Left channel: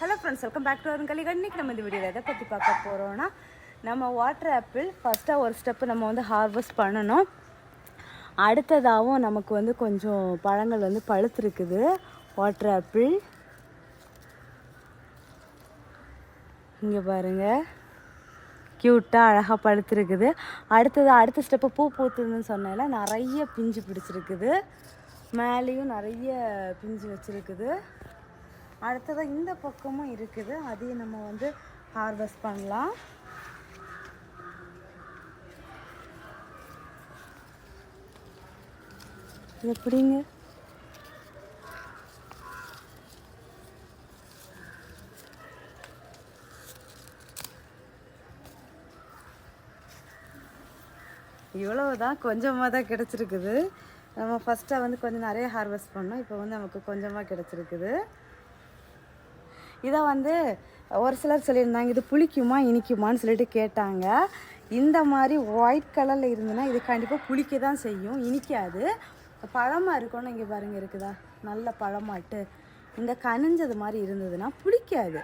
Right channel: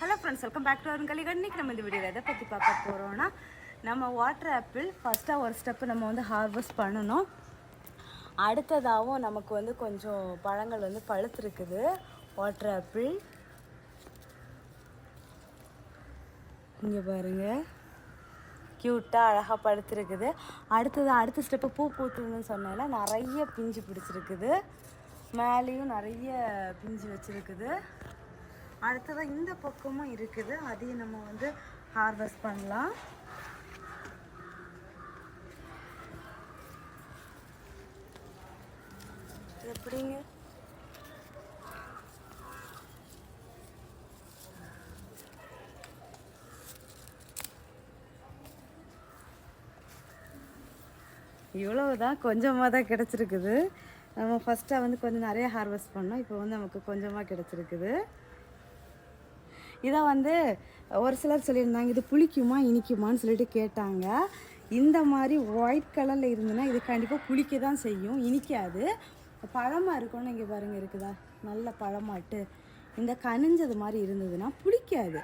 Hello friends, welcome back to அருங்கலிகா. இன்றைக்கி நம்ம இந்த வீடியோவில் எதை பற்றி பார்க்க போகிறோன்னா, நம்ம வாட்டர் ஆப்பிள் ஃபஸ்ட்டாக ஒரு ஸ்டெப்பு நம்ம வந்து ஹார்வெஸ்ட் பண்ணணும். அடுத்ததாகவும் நமக்கு வந்து கொஞ்சம் பழங்கள் வந்து பழுத்துருக்குது. வாட்டர் ஆப்பிள் இங்கே பாருங்கள், க்யூட்டாக அழகாக பழுத்துருக்குது. அடுத்த ஸ்டெப்பு பூ பூத்துதுன்னு சொன்னால நிறைய பிஞ்சு பிடிச்சிருக்குது. மேலேயும் நிறைய பிஞ்சு வச்சுருக்குது. அடுத்ததாக இந்த பக்கமும் இருக்குது, அதையும் நம்ம வந்து ஹார்வெஸ்ட் பண்ணலாம். எப்படிங்க இவ்வளவுதான், கொஞ்சமாக தான் கிடச்சிருக்குது. நம்ம ஃபஸ்ட்டாக வந்து கொஞ்சம் நிறைய ஹார்வெஸ்ட் பண்ணோம், இப்போ வந்து நமக்கு கொஞ்சமாக கிடச்சிருக்குது. இதை வந்து ஒரு சிலர் சொல்லியிருந்தாங்க, இது புளிக்குமா இனிக்குமான்னு சொல்லிட்டு கேட்டாங்க. இந்த மாதிரி ஒயிட் கலரில் இருந்ததுன்னா இது கண்டிப்பாக புளிக்க தான் செய்யும், இனிக்காது. பழமாக இருக்கணும். இங்கே பாருங்கள், இருக்குதா நல்ல பழமாட்டு. இந்த கனிஞ்சது மாதிரி இருந்ததுன்னா புளிக்காது.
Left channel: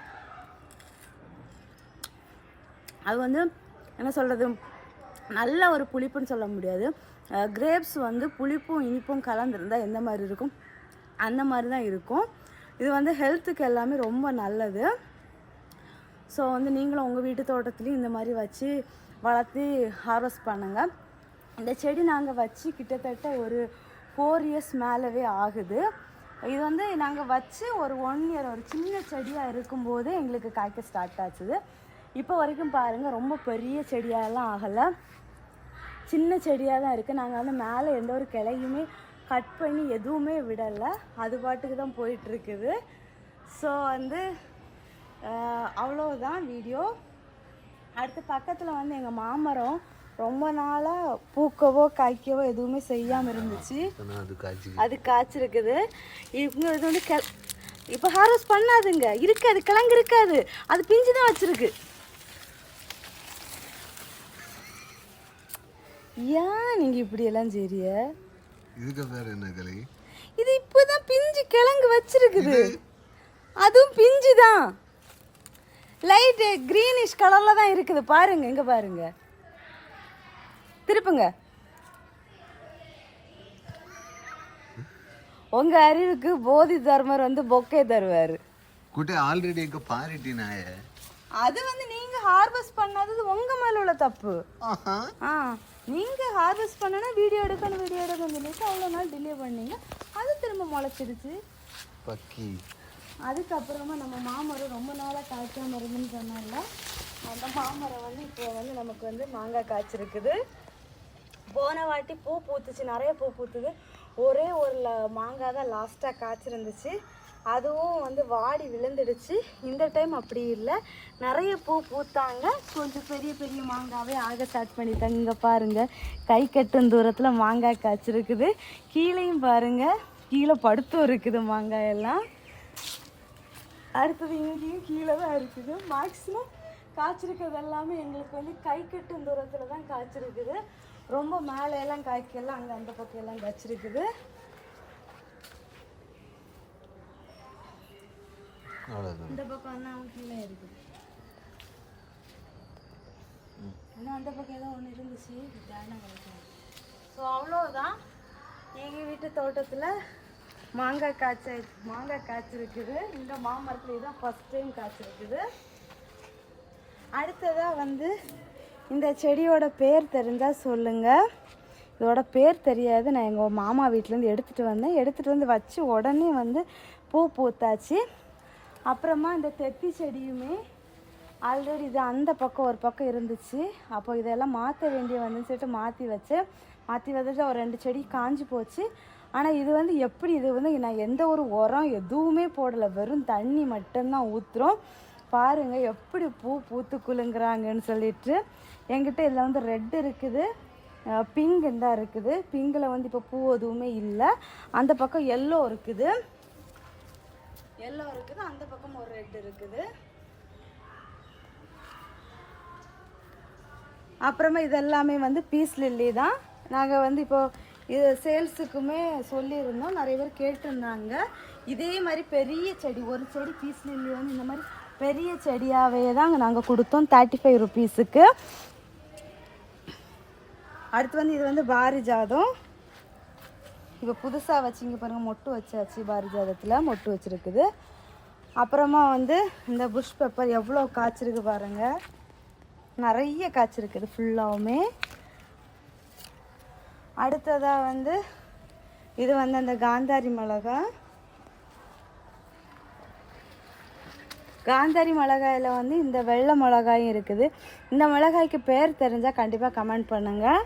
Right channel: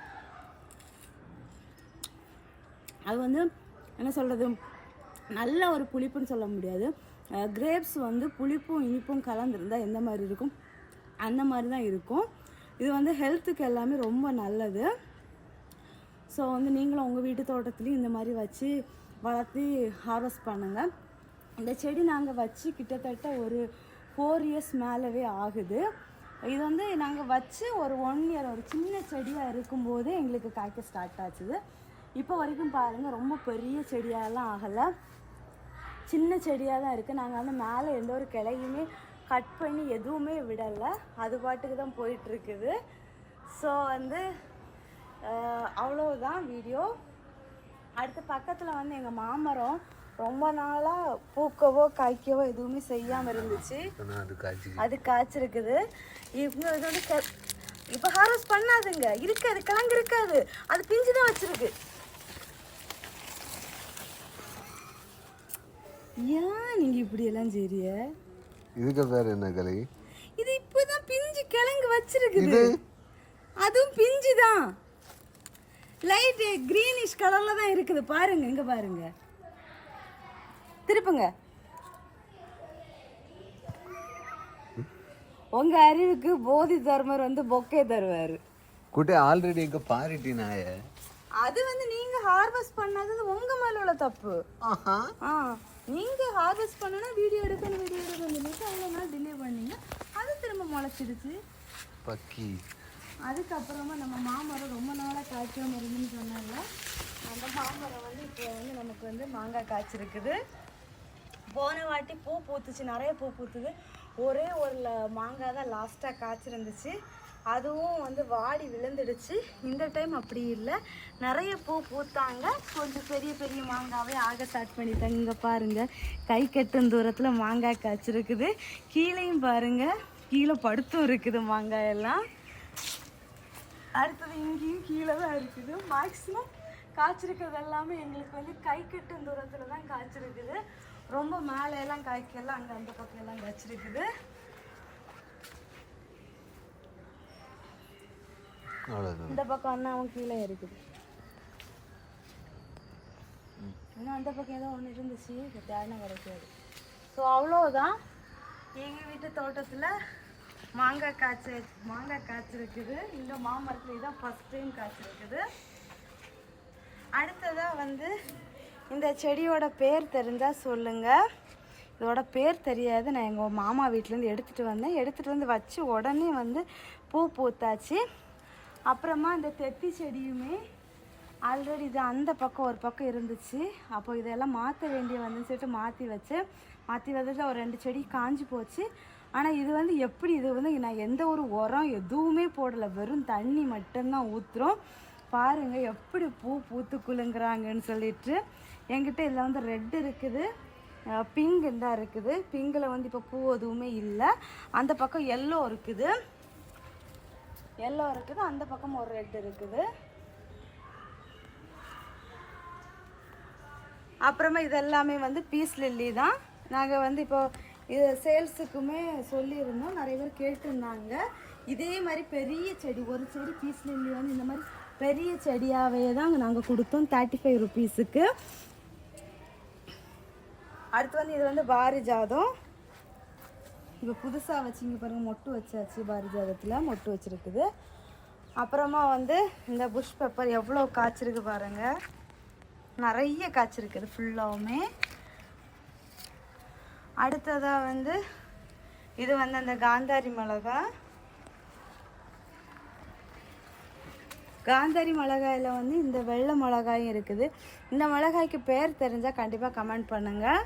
அது வந்து என்ன சொல்கிறது, நல்ல ஒரு புளிப்புன்னு சொல்ல முடியாது. கிரேப்ஸ் வந்து புளிப்பும் இனிப்பும் கலந்துருந்தால் எந்த மாதிரி இருக்கும், அந்த மாதிரி தான் இருக்கும். இது வந்து ஹெல்த்துக்கு எல்லாமே ரொம்ப நல்லது. ஸோ வந்து நீங்களும் உங்கள் வீட்டு தோட்டத்துலேயும் இந்த மாதிரி வச்சு வளர்த்து ஹார்வெஸ்ட் பண்ணுங்கள். இந்த செடி நாங்கள் வச்சு கிட்டத்தட்ட ஒரு 4 இயர்ஸ் மேலவே ஆகுது. இது வந்து நாங்கள் வச்சு ஒரு 1 இயர் ஒரு சின்ன செடியாக இருக்கும்போது எங்களுக்கு காய்க்க ஸ்டார்ட் ஆச்சுது. இப்போ வரைக்கும் பாருங்கள், ரொம்ப பெரிய செடியாகலாம் ஆகலை, சின்ன செடியாக தான் இருக்குது. நாங்கள் வந்து மேலே எந்த ஒரு கிளையுமே கட் பண்ணி எதுவுமே விடலை, அது பாட்டுக்கு தான் போயிட்டுருக்குது. ஸோ வந்து அவ்வளோதான் வீடியோ. அடுத்து பக்கத்தில் வந்து எங்கள் மாமரம் ரொம்ப நாளாக பூக்கவோ காய்க்கவோ எதுவுமே செய்யாமல் இருந்துச்சு, அது காய்ச்சிருக்குது. இது வந்து இப்போ ஹார்வெஸ்ட் பண்ணாதுங்க, இருக்காது, கிழங்கு இருக்காது, அது பிஞ்சு தான் வச்சுருக்கு. ஏன் நீங்கள் இப்படியெல்லாம் செய்றிய? இதுக்கு பேர் என்ன கலை? இது இப்போதான் பிஞ்சு கிழங்கு வச்சிருக்குது, அதுவும் பிஞ்சு தான், லைட் கிரீனிஷ் கலர்ல தான் இருக்குது. பாருங்க, இங்க பாருங்க, திருப்புங்க. உங்க அறிவுக்கு போதி தர்மர் வந்து பொக்கே தருவாரு. குட்டே ஆல்ரெடி எங்க பாரிட்டினாய, அது வந்து நீங்க ஹார்வெஸ்ட் பண்ணாதது உங்க மேல உள்ள தப்பு. நீங்க ஹார்வெஸ்ட் பண்ணனா வீடியோ எடுக்கணும் அவ்வளோ நாள் டிலே பண்ணீங்க, அது திரும்ப முளைச்சிருச்சு பக்கி. அதுக்கப்புறமா நம்ம மாமரம் ரொம்ப நாளாக காய்க்காம இருந்துன்னு சொன்னால அந்த மாமரம் வந்து இப்போ வந்து நமக்கு வந்து மாங்காய் காய்ச்சிருக்குது. போன வாட்டி பூ பூத்துச்சு, நிறைய பூ பூத்துது. ஒரே ஒரு மாங்காய் தான் லாஸ்ட்டாக காய்ச்சிருந்துச்சு, அதுவும் வந்து வாடி விழுந்துடுச்சு. இந்த டைம் அப்படி இல்லை, நிறைய பூ பூத்தாங்க, கொஞ்சம் பெரிய பெரிய மாங்காவே ஆக ஸ்டார்ட் பண்ணிட்டாங்க. இங்கே பாருங்கள், கை கட்டும் தூரத்தில் மாங்காய் காய்ச்சிருக்குது. கீழேயும் பாருங்கள், கீழே படுத்தும் இருக்குது மாங்காய் எல்லாம். அடுத்தது இங்கேயும் கீழே தான் இருக்குது. மேக்ஸிமம் காய்ச்சிருக்கிறது எல்லாமே எங்களுக்கு வந்து கை கட்டும் தூரத்தில் தான் காய்ச்சிருக்குது. ரொம்ப மேலையெல்லாம் காய்க்கலாம், அங்கே அந்த பக்கம் எல்லாம் காய்ச்சிருக்குது. இந்த பக்கம் அண்ணாவும் கீழே இருக்குது. இன்னும் அந்த பக்கம் ஏதோ ஒன்று இருந்துச்சு, தேடன கிடைக்காது. ஸோ அவ்வளோதான், எங்கள் வீட்டு தோட்டத்தில் மாங்காய் காய்ச்சிருக்குது. இந்த மாமரத்தில் இதுதான் ஃபஸ்ட் டைம் காய்ச்சிருக்குது. அடுத்ததாக வந்து இந்த செடியோட பேர் தெரிஞ்சால் சொல்லுங்கள். இதோட பேர் தெரியாது. நான் எங்கள் மாமா வீட்டிலேருந்து எடுத்துகிட்டு வந்து வச்சு உடனே வந்து பூ பூத்தாச்சு. அப்புறமா இந்த தெத்தி செடியுமே ஆல்ரெடி இது அந்த பக்கம் ஒரு பக்கம் இருந்துச்சு, அப்போ இதெல்லாம் மாற்ற வேண்டிய வந்துன்னு சொல்லிட்டு மாற்றி வச்சுட்டு ஒரு 2 செடி காஞ்சி போச்சு. ஆனால் இது வந்து எப்படி, இது வந்து நான் எந்த ஒரு உரம் எதுவுமே போடலை, வெறும் தண்ணி மட்டும்தான் ஊற்றுறோம். பாருங்கள் எப்படி பூ பூத்து குலுங்குறாங்கன்னு சொல்லிட்டு. என்கிட்ட இதில் வந்து ரெட் இருக்குது, பிங்க் தான் இருக்குது. பிங்கில் வந்து இப்போ பூ எதுவுமே இல்லை. அந்த பக்கம் எல்லோ இருக்குது, அந்த பக்கம் ஒரு ரெட் இருக்குது. அப்புறமா இது எல்லாமே வந்து பீஸ் லில்லி தான். நாங்கள் வந்து இப்போ இது சேல்ஸுக்குமே சொல்லியிருந்தோம், நிறைய பேர் கேட்டிருந்தாங்க. இதே மாதிரி பெரிய செடி, ஒரு செடி பீஸ் லில்லி வந்து இந்த மாதிரி பெரிய செடியாகவே தாங்க நாங்கள் கொடுத்தோம் 35 ருபீஸுக்கு. அடுத்து வந்து இது வந்து பாரிஜாதம். இப்போ புதுசாக வச்சிங்க பாருங்கள், மொட்டு வச்சாச்சு, பாரிஜாதத்தில் மொட்டு வச்சுருக்குது. அப்புறமா வந்து இந்த புஷ் பெப்பர் எவ்வளோ காய்ச்சிருக்கு பாருங்கள், நிறைய காய்ச்சிருக்குது ஃபுல்லாகவுமே. அடுத்ததாக வந்து இது வந்து அந்த காந்தாரி மிளகா. காந்தாரி மிளகாயில் வந்து இந்த வெள்ளை மிளகாயும் இருக்குது. இந்த மிளகாய்க்கு பேர் தெரிஞ்சால் கண்டிப்பாக கமெண்ட் பண்ணுங்கள்.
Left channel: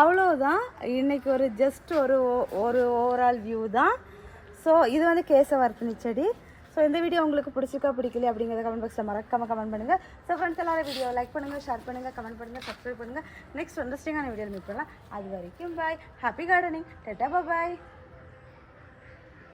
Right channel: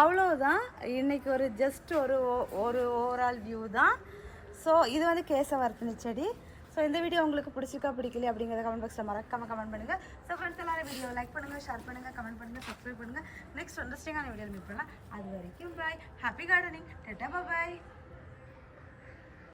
அவ்வளோதான், இன்றைக்கி ஒரு ஜஸ்ட் ஒரு ஓவரால் வியூ தான். ஸோ இது வந்து கேசவர்த்தினி செடி. ஸோ இந்த வீடியோ உங்களுக்கு பிடிச்சிருக்கா பிடிக்கல அப்படிங்கிறத கமெண்ட் பாக்ஸில் மறக்காமல் கமெண்ட் பண்ணுங்கள். ஸோ ஃப்ரெண்ட்ஸ் எல்லாரும் வீடியோ லைக் பண்ணுங்கள், ஷேர் பண்ணுங்கள், கமெண்ட் பண்ணுங்கள், சப்ஸ்கிரைப் பண்ணுங்கள். நெக்ஸ்ட் இன்ட்ரெஸ்டிங்கான வீடியோ மீட் பண்ணலாம். அது வரைக்கும் பாய், ஹாப்பி கார்டனிங், டாடா பாய்.